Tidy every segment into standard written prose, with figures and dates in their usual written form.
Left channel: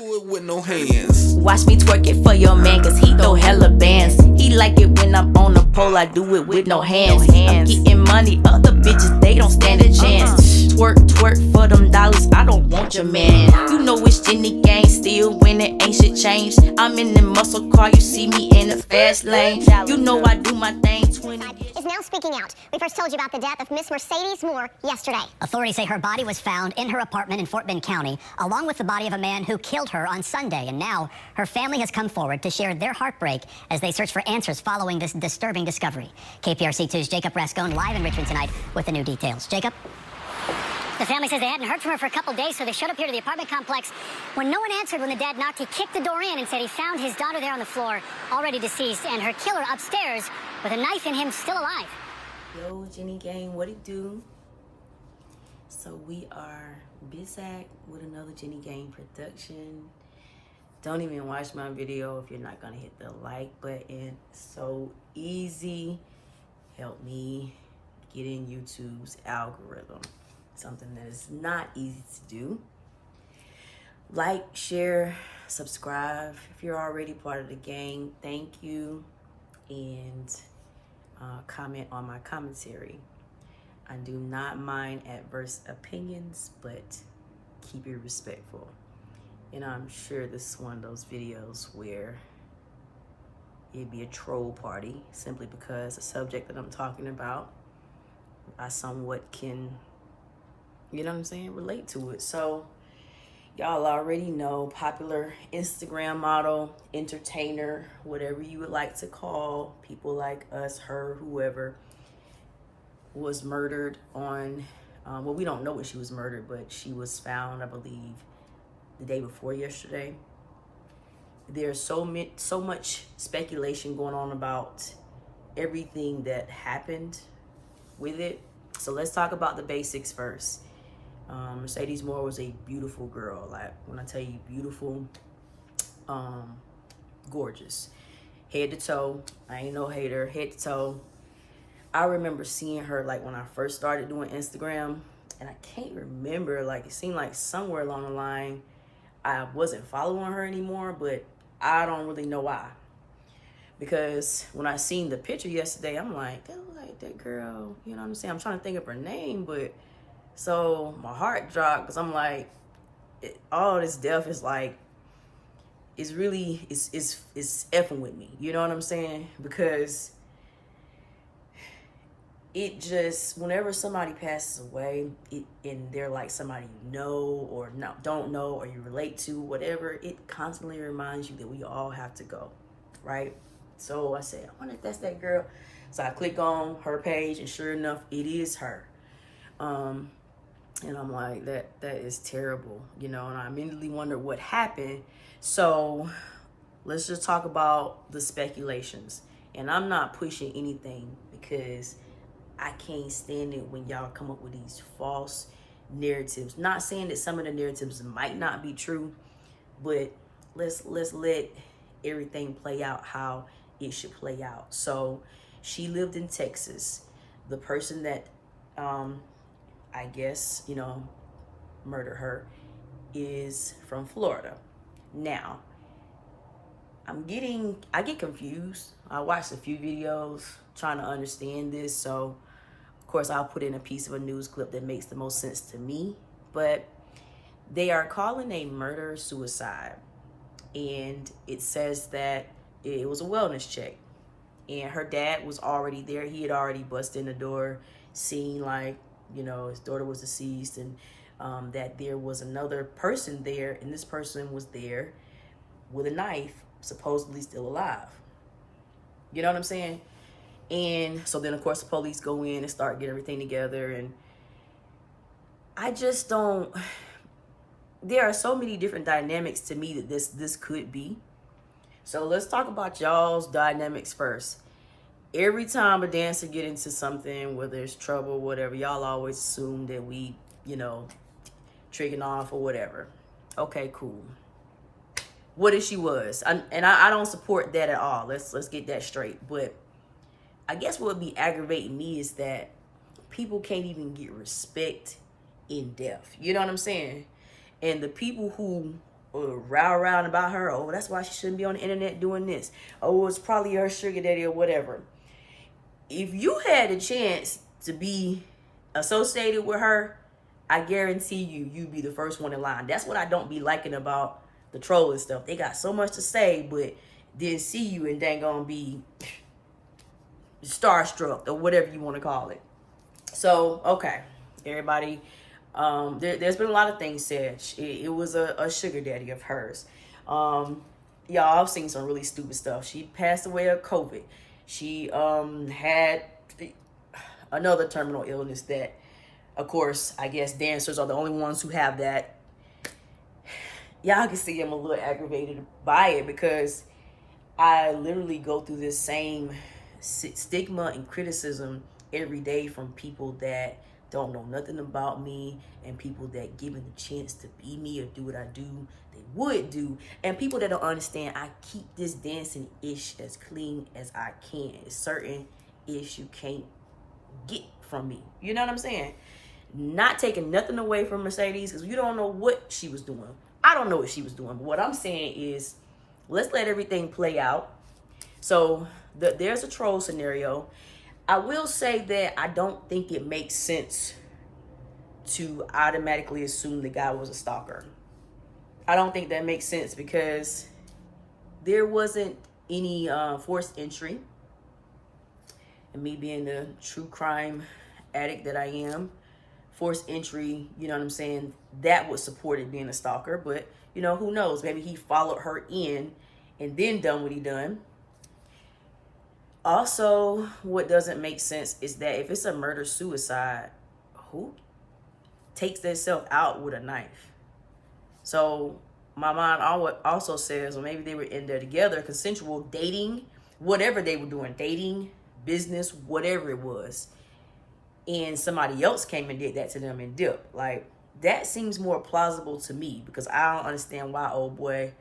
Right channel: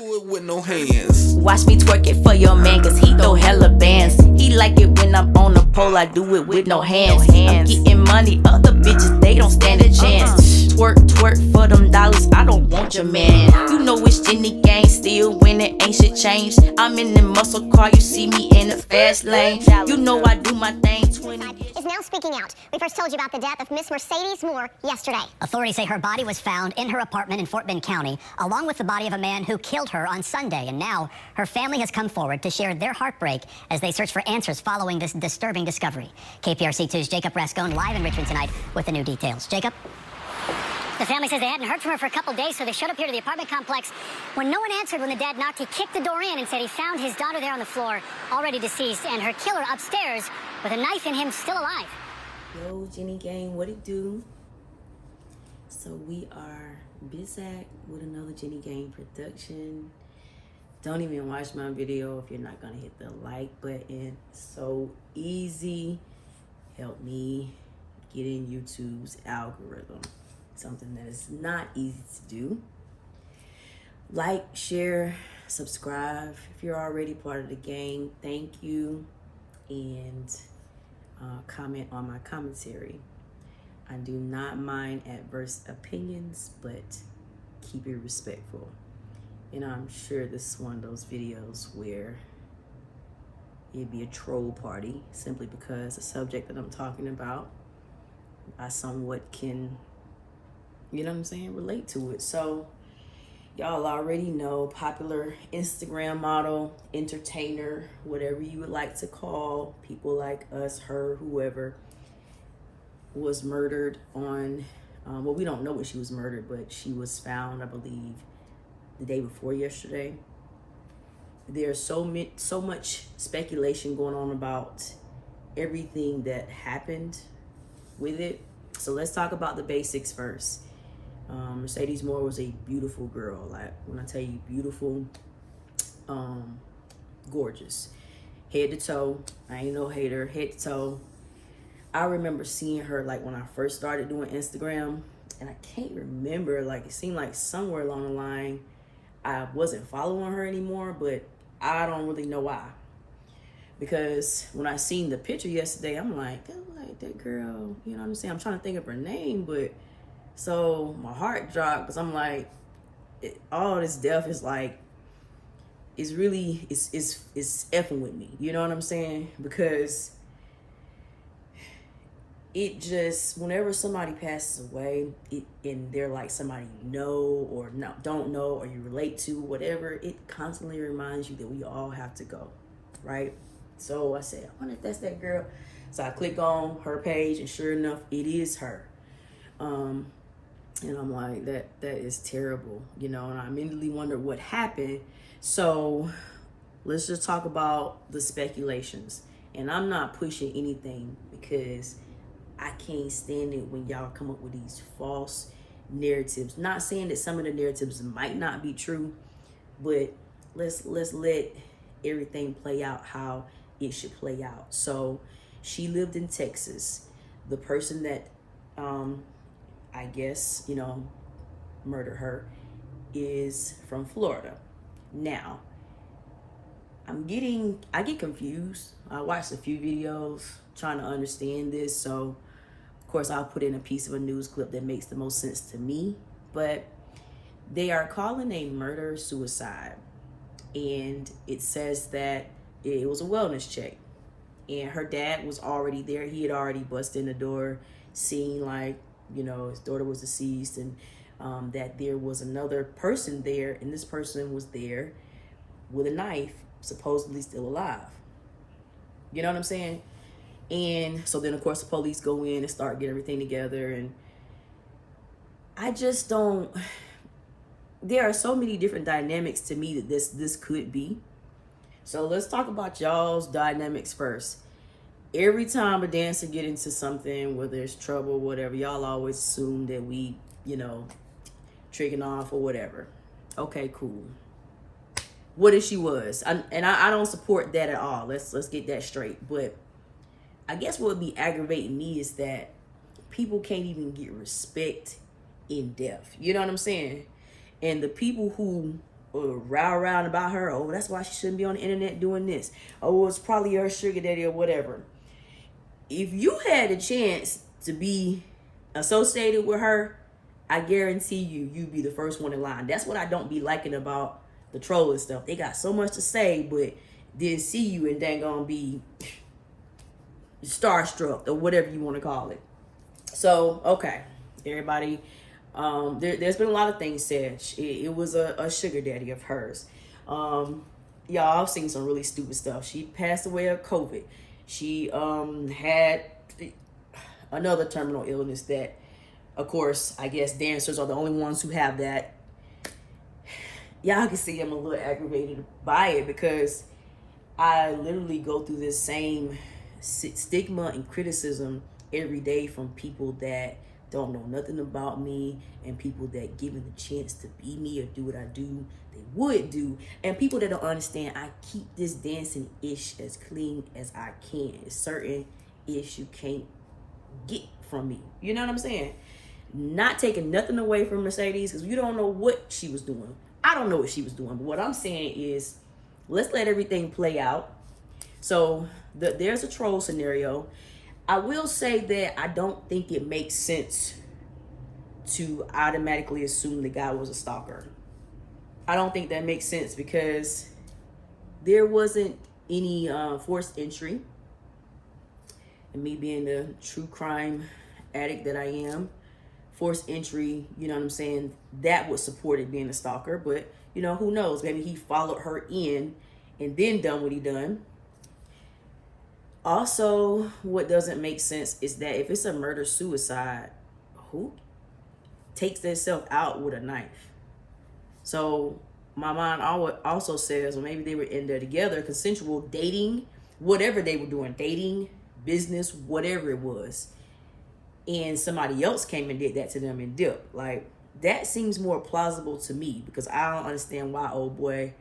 do it with no hands. Watch me twerk it for your man, cause he throw hella bands. He like it when I'm on the pole, I do it with no hands. I'm getting money, other bitches, they don't stand a chance. Twerk, twerk for them dollars, I don't want your man. You know it's Jenny gang, still when it ain't shit changed. I'm in the muscle car, you see me in the fast lane. You know I do my thing 20 years. Is now speaking out. We first told you about the death of Miss Mercedes Morr yesterday. Authorities say her body was found in her apartment in Fort Bend County, along with the body of a man who killed her on Sunday. And now her family has come forward to share their heartbreak as they search for answers following this disturbing discovery. KPRC2's Jacob Rascone live in Richmond tonight with the new details. Jacob? The family says they hadn't heard from her for a couple days, so they showed up here to the apartment complex. When no one answered when the dad knocked, he kicked the door in and said he found his daughter there on the floor, already deceased, and her killer upstairs with a knife in him, still alive. Yo, Jenny gang, what it do? So we are back with another Jenny gang production. Don't even watch my video if you're not gonna hit the like button. So easy. Help me get in YouTube's algorithm. Something that is not easy to do. Like, share, subscribe. If you're already part of the gang, thank you. And comment on my commentary. I do not mind adverse opinions, but keep it respectful. And I'm sure this is one of those videos where it'd be a troll party simply because the subject that I'm talking about, I somewhat can, you know what I'm saying, relate to it. So y'all already know, popular Instagram model, entertainer, whatever you would like to call people like us, her, whoever, was murdered on, well, we don't know when she was murdered, but she was found, I believe, the day before yesterday. There's so much speculation going on about everything that happened with it. So let's talk about the basics first. Mercedes Morr was a beautiful girl. Like, when I tell you beautiful, gorgeous, head to toe. I ain't no hater, head to toe. I remember seeing her like when I first started doing Instagram, and I can't remember, like it seemed like somewhere along the line I wasn't following her anymore, but I don't really know why. Because when I seen the picture yesterday, I'm like, that look like that girl, you know what I'm saying? I'm trying to think of her name, but so my heart dropped because I'm like, all this death is like, it's really, it's effing with me. You know what I'm saying? Because it just, whenever somebody passes away, and they're like somebody you know or don't know or you relate to, whatever, it constantly reminds you that we all have to go, right? So I said, I wonder if that's that girl. So I click on her page, and sure enough, it is her. And I'm like, that is terrible, you know, and I immediately wondered what happened. So let's just talk about the speculations. And I'm not pushing anything because I can't stand it when y'all come up with these false narratives. Not saying that some of the narratives might not be true, but let's let everything play out how it should play out. So she lived in Texas. The person that I guess, you know, murdered her is from Florida. Now, I get confused. I watched a few videos trying to understand this, so of course I'll put in a piece of a news clip that makes the most sense to me. But they are calling a murder suicide, and it says that it was a wellness check, and her dad was already there. He had already busted in the door, seeing like, you know, his daughter was deceased, and that there was another person there, and this person was there with a knife, supposedly still alive. You know what I'm saying? And so then, of course, the police go in and start getting everything together, and I just don't, there are so many different dynamics to me that this could be. So let's talk about y'all's dynamics first. Every time a dancer get into something where there's trouble, whatever, y'all always assume that we, you know, tricking off or whatever. Okay, cool. What if she was? I don't support that at all. Let's get that straight. But I guess what would be aggravating me is that people can't even get respect in death. You know what I'm saying? And the people who row around about her. Oh, that's why she shouldn't be on the internet doing this. Oh, it's probably her sugar daddy or whatever. If you had a chance to be associated with her, I guarantee you'd be the first one in line. That's what I don't be liking about the troll and stuff. They got so much to say, but didn't see you and dang gonna be starstruck or whatever you want to call it. So, okay, everybody, there's been a lot of things said. It was a sugar daddy of hers. Y'all, I've seen some really stupid stuff. She passed away of COVID. She had another terminal illness that, of course, I guess dancers are the only ones who have that. Y'all can see I'm a little aggravated by it because I literally go through this same stigma and criticism every day from people that don't know nothing about me and people that given the chance to be me or do what I do, they would do. And people that don't understand, I keep this dancing ish as clean as I can. It's certain ish you can't get from me. You know what I'm saying? Not taking nothing away from Mercedes because you don't know what she was doing. I don't know what she was doing. But what I'm saying is, let's let everything play out. So there's a troll scenario. I will say that I don't think it makes sense to automatically assume the guy was a stalker. I don't think that makes sense because there wasn't any forced entry. And me being the true crime addict that I am, forced entry, you know what I'm saying, that would support it being a stalker. But, you know, who knows? Maybe he followed her in and then done what he done. Also, what doesn't make sense is that if it's a murder-suicide, who takes themselves out with a knife? So my mind also says, well, maybe they were in there together, consensual dating, whatever they were doing, dating, business, whatever it was. And somebody else came and did that to them and dipped. Like, that seems more plausible to me because I don't understand why old boy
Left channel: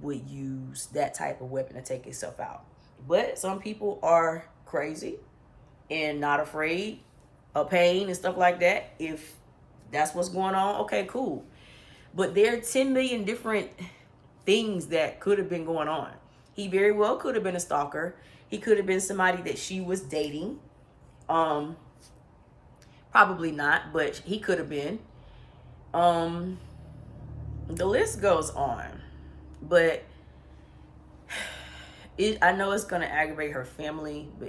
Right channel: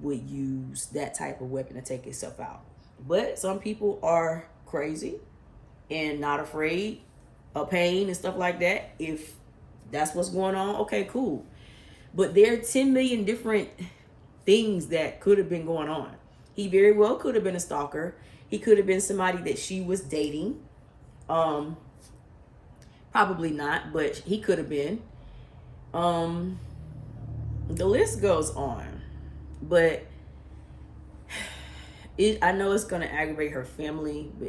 would use that type of weapon to take himself out. But some people are crazy and not afraid of pain and stuff like that. If that's what's going on, okay, cool. But there are 10 million different things that could have been going on. He very well could have been a stalker. He could have been somebody that she was dating. Probably not, but he could have been. The list goes on. But I know it's going to aggravate her family, but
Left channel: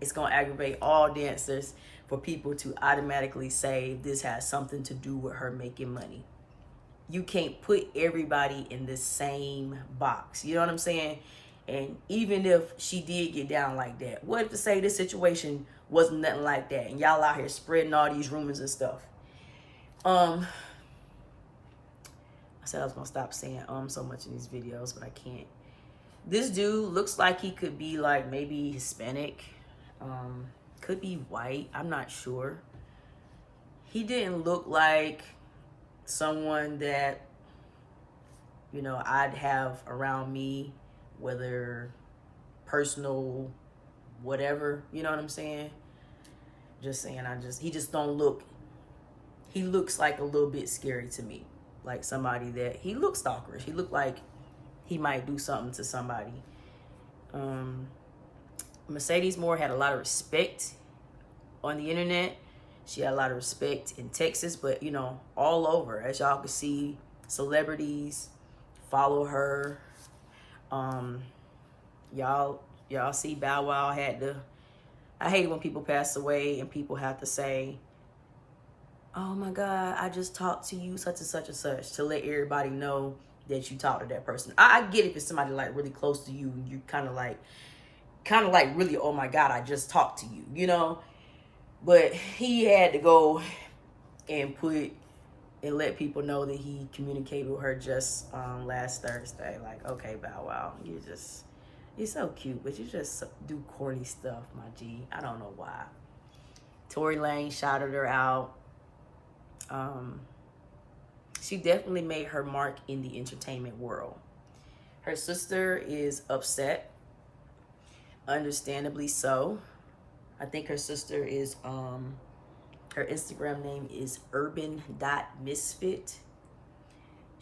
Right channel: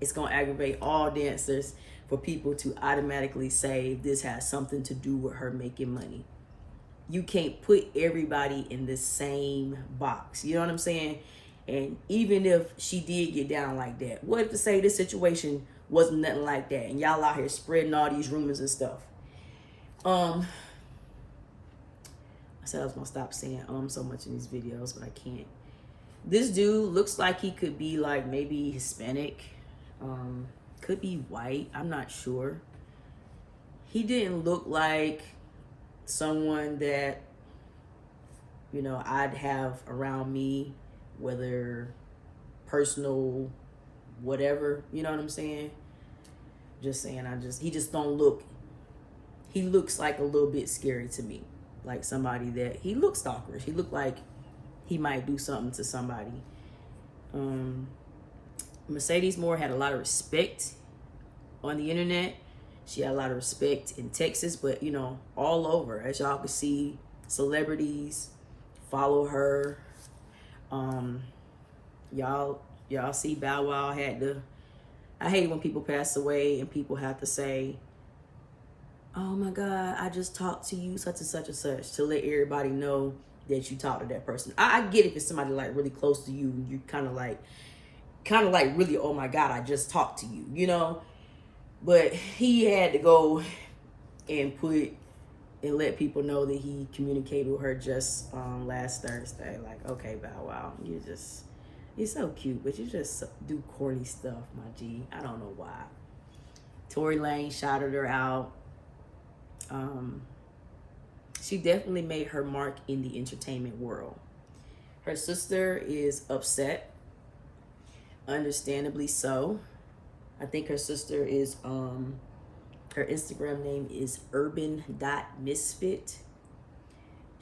it's going to aggravate all dancers for people to automatically say this has something to do with her making money. You can't put everybody in the same box. You know what I'm saying? And even if she did get down like that, what if to say this situation wasn't nothing like that and y'all out here spreading all these rumors and stuff? I said I was going to stop saying so much in these videos, but I can't. This dude looks like he could be like maybe Hispanic, could be white, I'm not sure. He didn't look like someone that, you know, I'd have around me, whether personal, whatever, you know what I'm saying? Just saying, he just don't look, he looks like a little bit scary to me. Like somebody that, he looks stalkerish. He looked like he might do something to somebody. Mercedes Morr had a lot of respect on the internet. She had a lot of respect in Texas, but you know, all over. As y'all can see, celebrities follow her. Y'all see Bow Wow had to, I hate when people pass away and people have to say, oh my God, I just talked to you, such and such and such, to let everybody know that you talked to that person. I get it if it's somebody like really close to you, and you kind of like really, oh my God, I just talked to you, you know? But he had to go and let people know that he communicated with her just last Thursday. Like, okay, Bow Wow, you're so cute, but you just do corny stuff, my G. I don't know why. Tory Lanez shouted her out. She definitely made her mark in the entertainment world. Her sister is upset, understandably so. I think her sister is, her Instagram name is urban.misfit.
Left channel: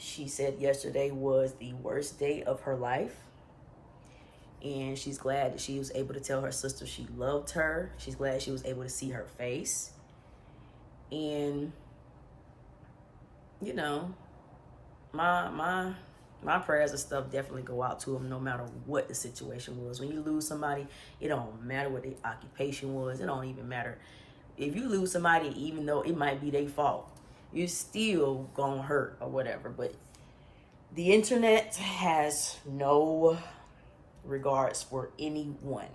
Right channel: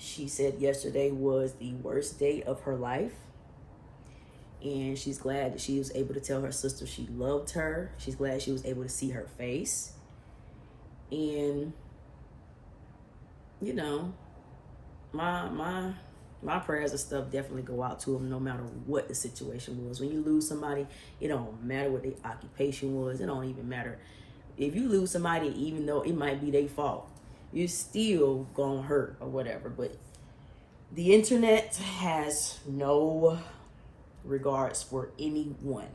she said yesterday was the worst day of her life. And she's glad that she was able to tell her sister she loved her. She's glad she was able to see her face. And, you know, my prayers and stuff definitely go out to them no matter what the situation was. When you lose somebody, it don't matter what their occupation was. It don't even matter. If you lose somebody, even though it might be their fault, you still gonna hurt or whatever. But the internet has no regards for anyone.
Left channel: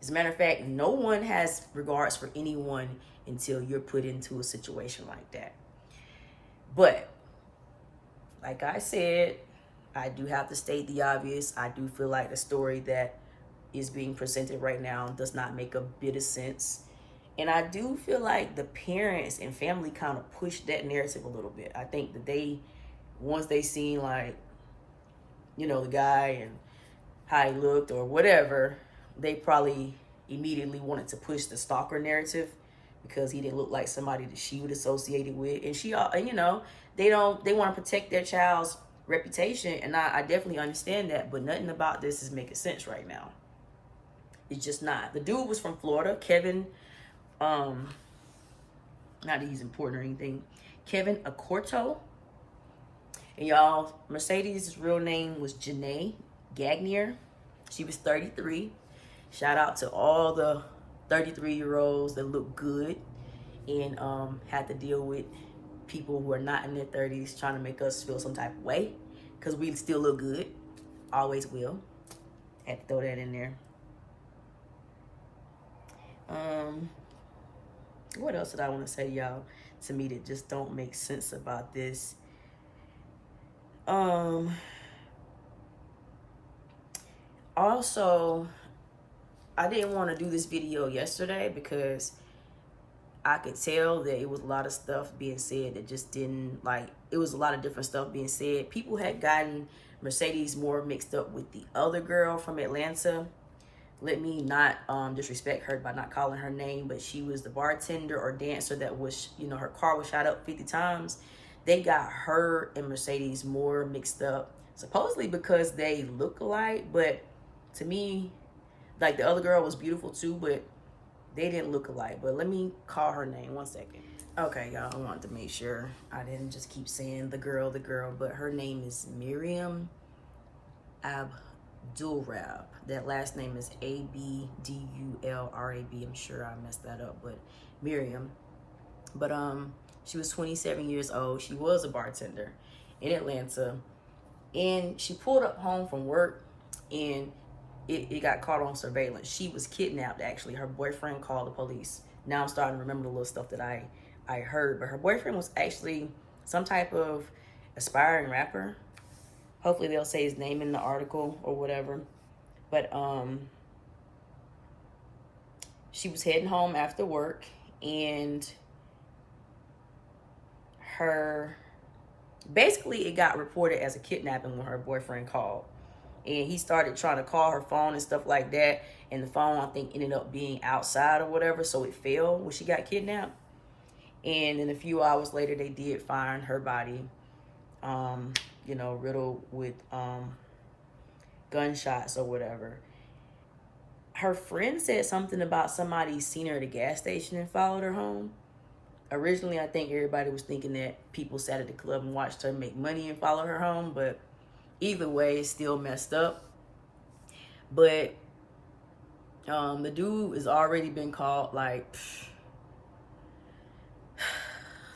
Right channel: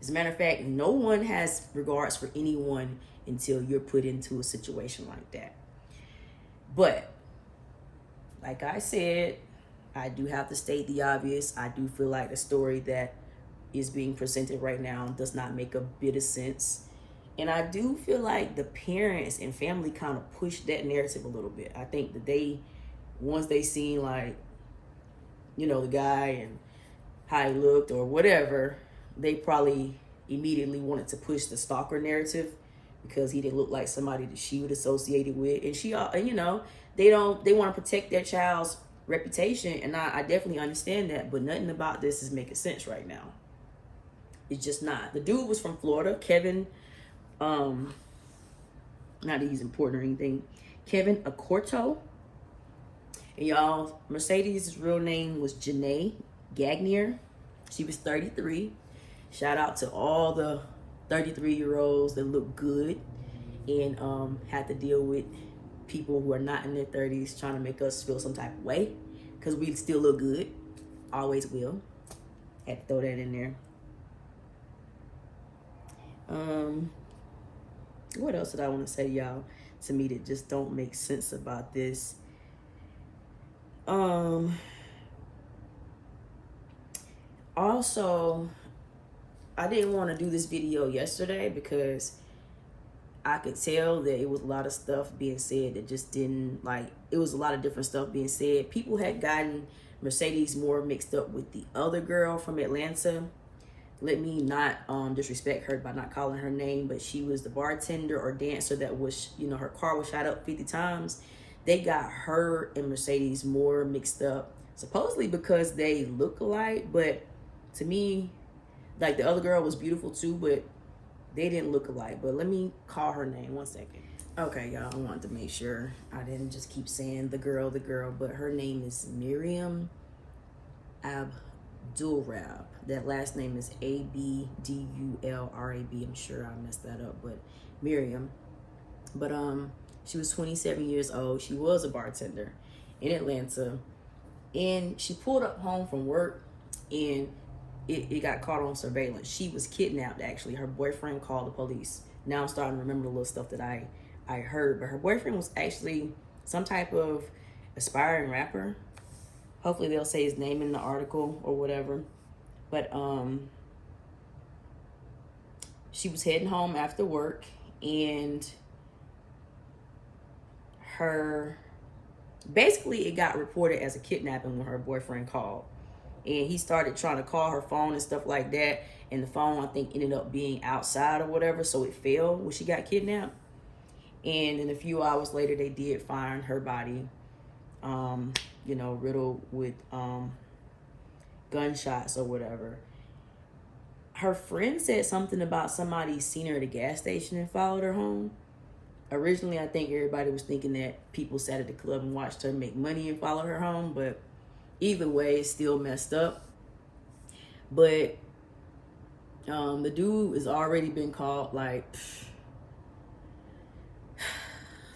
As a matter of fact, no one has regards for anyone until you're put into a situation like that. But like I said, I do have to state the obvious. I do feel like the story that is being presented right now does not make a bit of sense. And I do feel like the parents and family kind of pushed that narrative a little bit. I think that once they seen like, you know, the guy and how he looked or whatever, they probably immediately wanted to push the stalker narrative because he didn't look like somebody that she would associate it with. And she, you know, they want to protect their child's reputation. And I definitely understand that, but nothing about this is making sense right now. It's just not. The dude was from Florida, Kevin, not that he's important or anything, Kevin Acorto. And y'all, Mercedes' real name was Janae Gagnier. She was 33. Shout out to all the 33-year-olds that look good and had to deal with people who are not in their 30s trying to make us feel some type of way, because we still look good. Always will. Had to throw that in there. What else did I want to say, y'all, to me that just don't make sense about this? Also, I didn't want to do this video yesterday because I could tell that it was a lot of stuff being said that just didn't, like, it was a lot of different stuff being said. People had gotten Mercedes Morr mixed up with the other girl from Atlanta. Let me not disrespect her by not calling her name, but she was the bartender or dancer that was, you know, her car was shot up 50 times. They got her and Mercedes Morr mixed up, supposedly because they look alike, but to me, like, the other girl was beautiful too, but they didn't look alike. But let me call her name 1 second. Okay, y'all, I wanted to make sure I didn't just keep saying the girl, but her name is Miriam Abdulrab. That last name is Abdulrab. I'm sure I messed that up, but Miriam. But she was 27 years old. She was a bartender in Atlanta, and she pulled up home from work, and it got caught on surveillance. She was kidnapped, actually. Her boyfriend called the police. Now I'm starting to remember the little stuff that I heard, but her boyfriend was actually some type of aspiring rapper. Hopefully they'll say his name in the article or whatever. But she was heading home after work, and basically it got reported as a kidnapping when her boyfriend called. And he started trying to call her phone and stuff like that. And the phone, I think, ended up being outside or whatever. So it fell when she got kidnapped. And then a few hours later, they did find her body, you know, riddled with gunshots or whatever. Her friend said something about somebody seen her at a gas station and followed her home. Originally, I think everybody was thinking that people sat at the club and watched her make money and follow her home. But either way, it's still messed up. But the dude has already been caught. Like,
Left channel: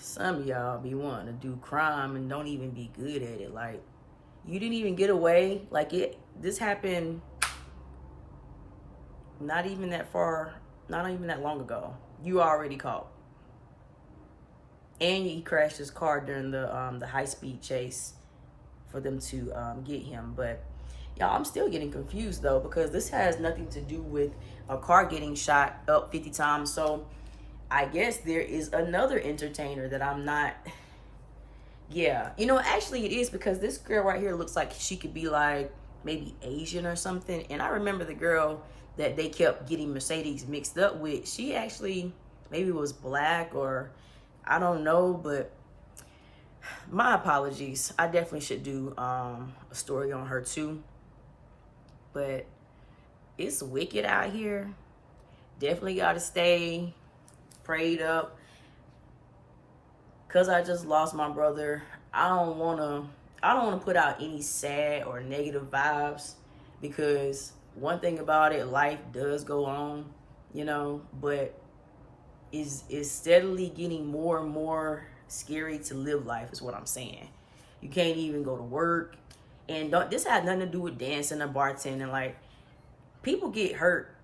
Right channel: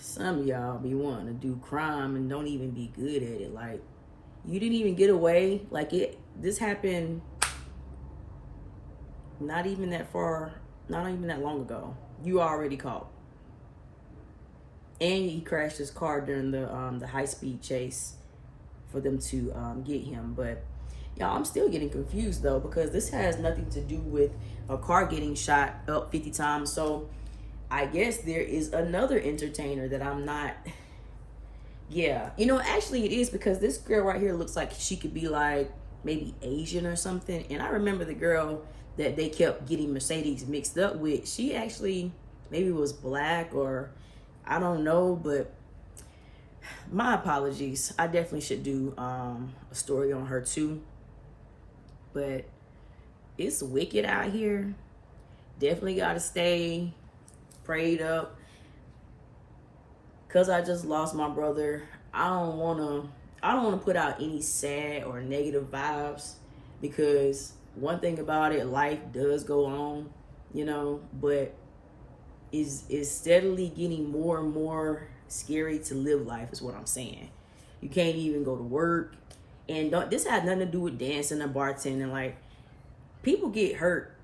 some of y'all be wanting to do crime and don't even be good at it. Like, you didn't even get away. Like, this happened not even that long ago. You already caught. And he crashed his car during the high-speed chase for them to get him. But y'all, I'm still getting confused though, because this has nothing to do with a car getting shot up 50 times. So I guess there is another entertainer that I'm not. Yeah, you know, actually it is, because this girl right here looks like she could be like maybe Asian or something. And I remember the girl that they kept getting Mercedes mixed up with, she actually maybe was black, or I don't know, but my apologies. I definitely should do a story on her too. But it's wicked out here. Definitely gotta stay prayed up. Cause I just lost my brother. I don't wanna put out any sad or negative vibes, because one thing about it, life does go on, you know, but is steadily getting more and more scary to live life, is what I'm saying. You can't even go to work, and this had nothing to do with dancing or bartending. Like, people get hurt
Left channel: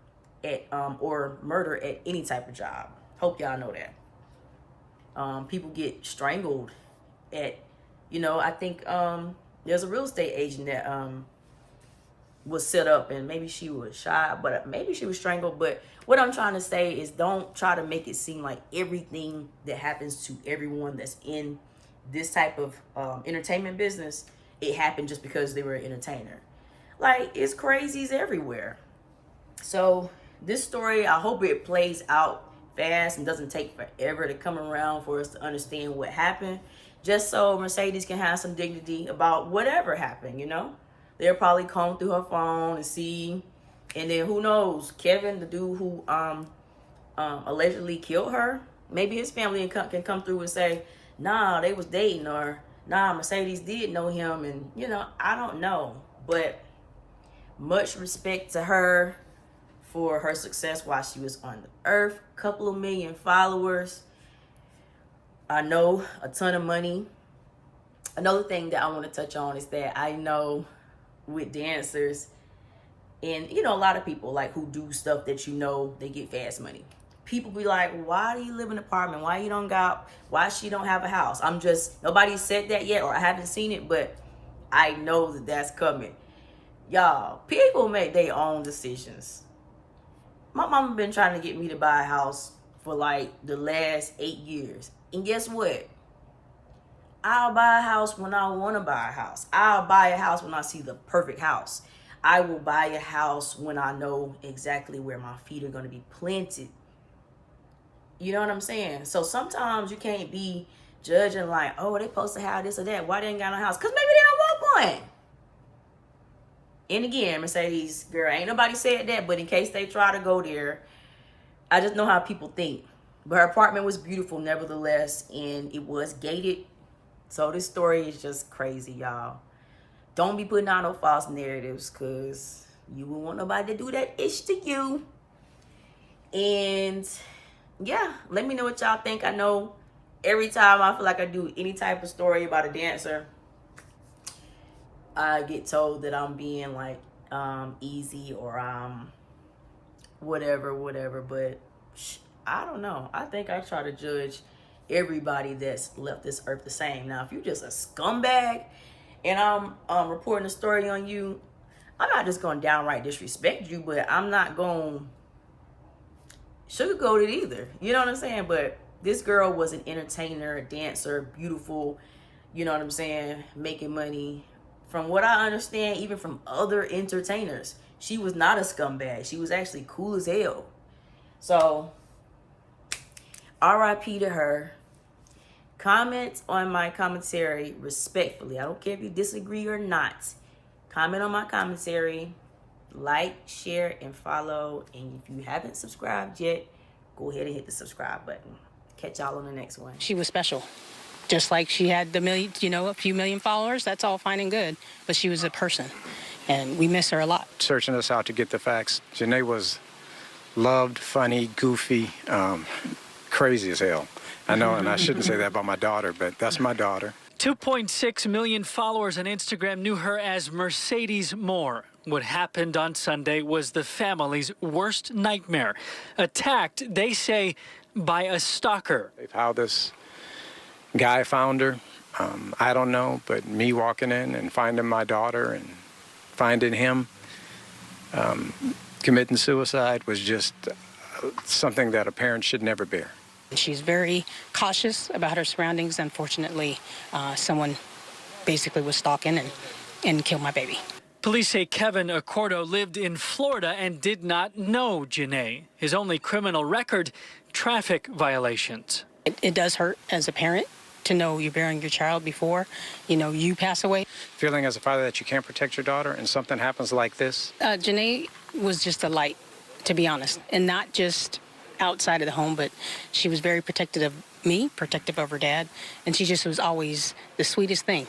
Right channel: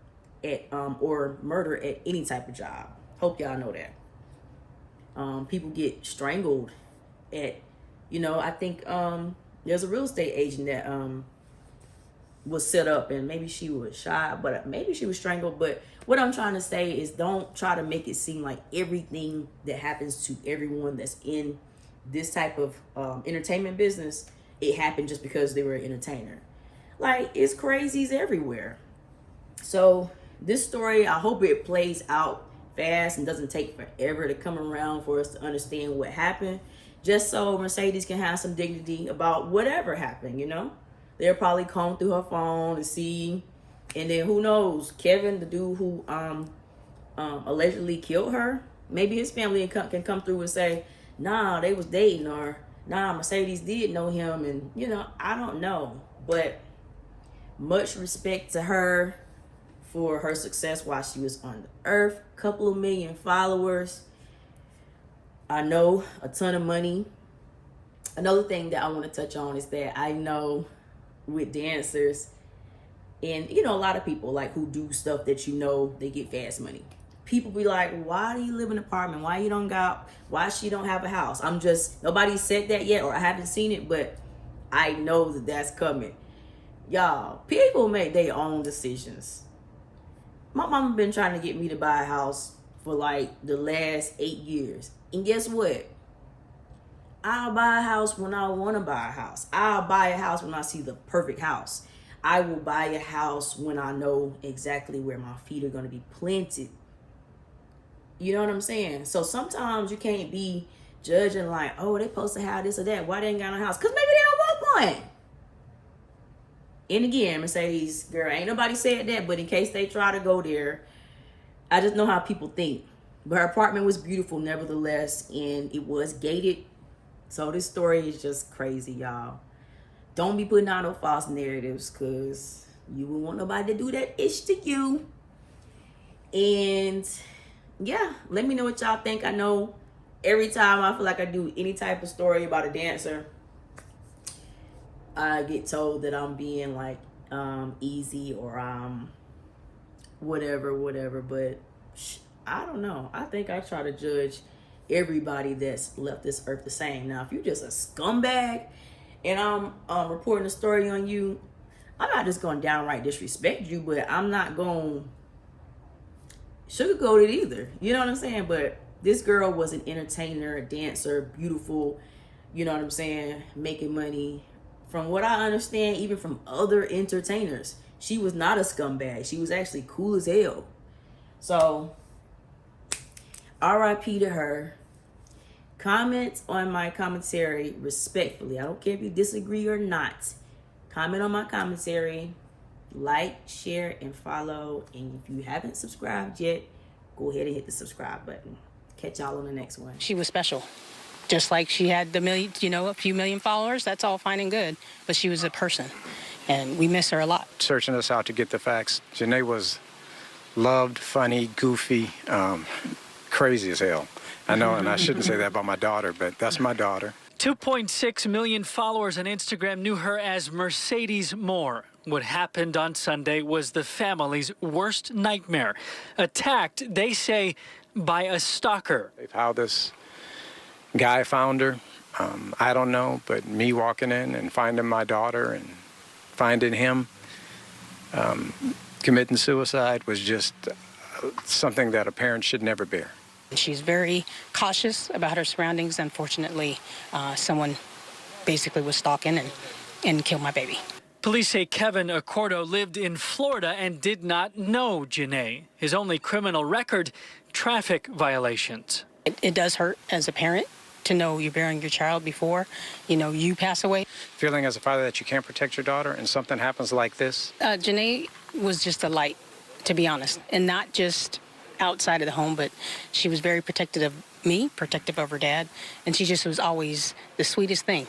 at or murdered at any type of job. Hope y'all know that. People get strangled at, you know, I think there's a real estate agent that was set up, and maybe she was shot, but maybe she was strangled. But what I'm trying to say is, don't try to make it seem like everything that happens to everyone that's in this type of entertainment business, it happened just because they were an entertainer. Like, it's crazies everywhere. So this story, I hope it plays out fast and doesn't take forever to come around for us to understand what happened, just so Mercedes can have some dignity about whatever happened, you know? They'll probably comb through her phone and see, and then who knows, Kevin, the dude who allegedly killed her, maybe his family can come through and say, nah, they was dating, or nah, Mercedes did know him, and, you know, I don't know. But much respect to her for her success while she was on the earth. Couple of million followers. I know, a ton of money. Another thing that I want to touch on is that I know with dancers, and, you know, a lot of people like who do stuff that, you know, they get fast money. People be like, why do you live in an apartment? Why she don't have a house? Nobody said that yet, or I haven't seen it, but I know that that's coming. Y'all, people make their own decisions. My mama been trying to get me to buy a house for like the last 8 years. And guess what? I'll buy a house when I want to buy a house. I'll buy a house when I see the perfect house. I will buy a house when I know exactly where my feet are going to be planted. You know what I'm saying? So sometimes you can't be judging like, oh, they supposed to have this or that. Why they ain't got a house? Because maybe they don't want one. And again, Mercedes, girl, ain't nobody said that, but in case they try to go there, I just know how people think. But her apartment was beautiful nevertheless, and it was gated. So this story is just crazy, y'all. Don't be putting out no false narratives, because you won't want nobody to do that ish to you. And yeah, let me know what y'all think. I know every time I feel like I do any type of story about a dancer, I get told that I'm being like easy or whatever, but I don't know. I think I try to judge everybody that's left this earth the same. Now, if you're just a scumbag and I'm reporting a story on you, I'm not just going to downright disrespect you, but I'm not going to sugarcoat it either. You know what I'm saying? But this girl was an entertainer, a dancer, beautiful, you know what I'm saying, making money. From what I understand, even from other entertainers, she was not a scumbag. She was actually cool as hell. So, R.I.P. to her. Comment on my commentary respectfully. I don't care if you disagree or not. Comment on my commentary. Like, share, and follow. And if you haven't subscribed yet, go ahead and hit the subscribe button. Catch y'all on the next one. She was special. Just like she had a few million followers, that's all fine and good. But she was a person, and we miss her a lot. Searching us out to get the facts. Janae was loved, funny, goofy, crazy as hell. I know, and I shouldn't say that about my daughter, but that's my daughter. 2.6 million followers on Instagram knew her as Mercedes Morr. What happened on Sunday was the family's worst nightmare. Attacked, they say, by a stalker. How this guy found her, I don't know, but me walking in and finding my daughter and finding him committing suicide was just something that a parent should never bear. She's very cautious about her surroundings. Unfortunately, someone basically was stalking and killed my baby. Police say Kevin Accordo lived in Florida and did not know Janae. His only criminal record, traffic violations. It does hurt as a parent to know you're bearing your child before, you pass away. Feeling as a father that you can't protect your daughter and something happens like this? Janae was just a light, to be honest, and not just outside of the home, but she was very protective of me, protective of her dad, and she just was always the sweetest thing.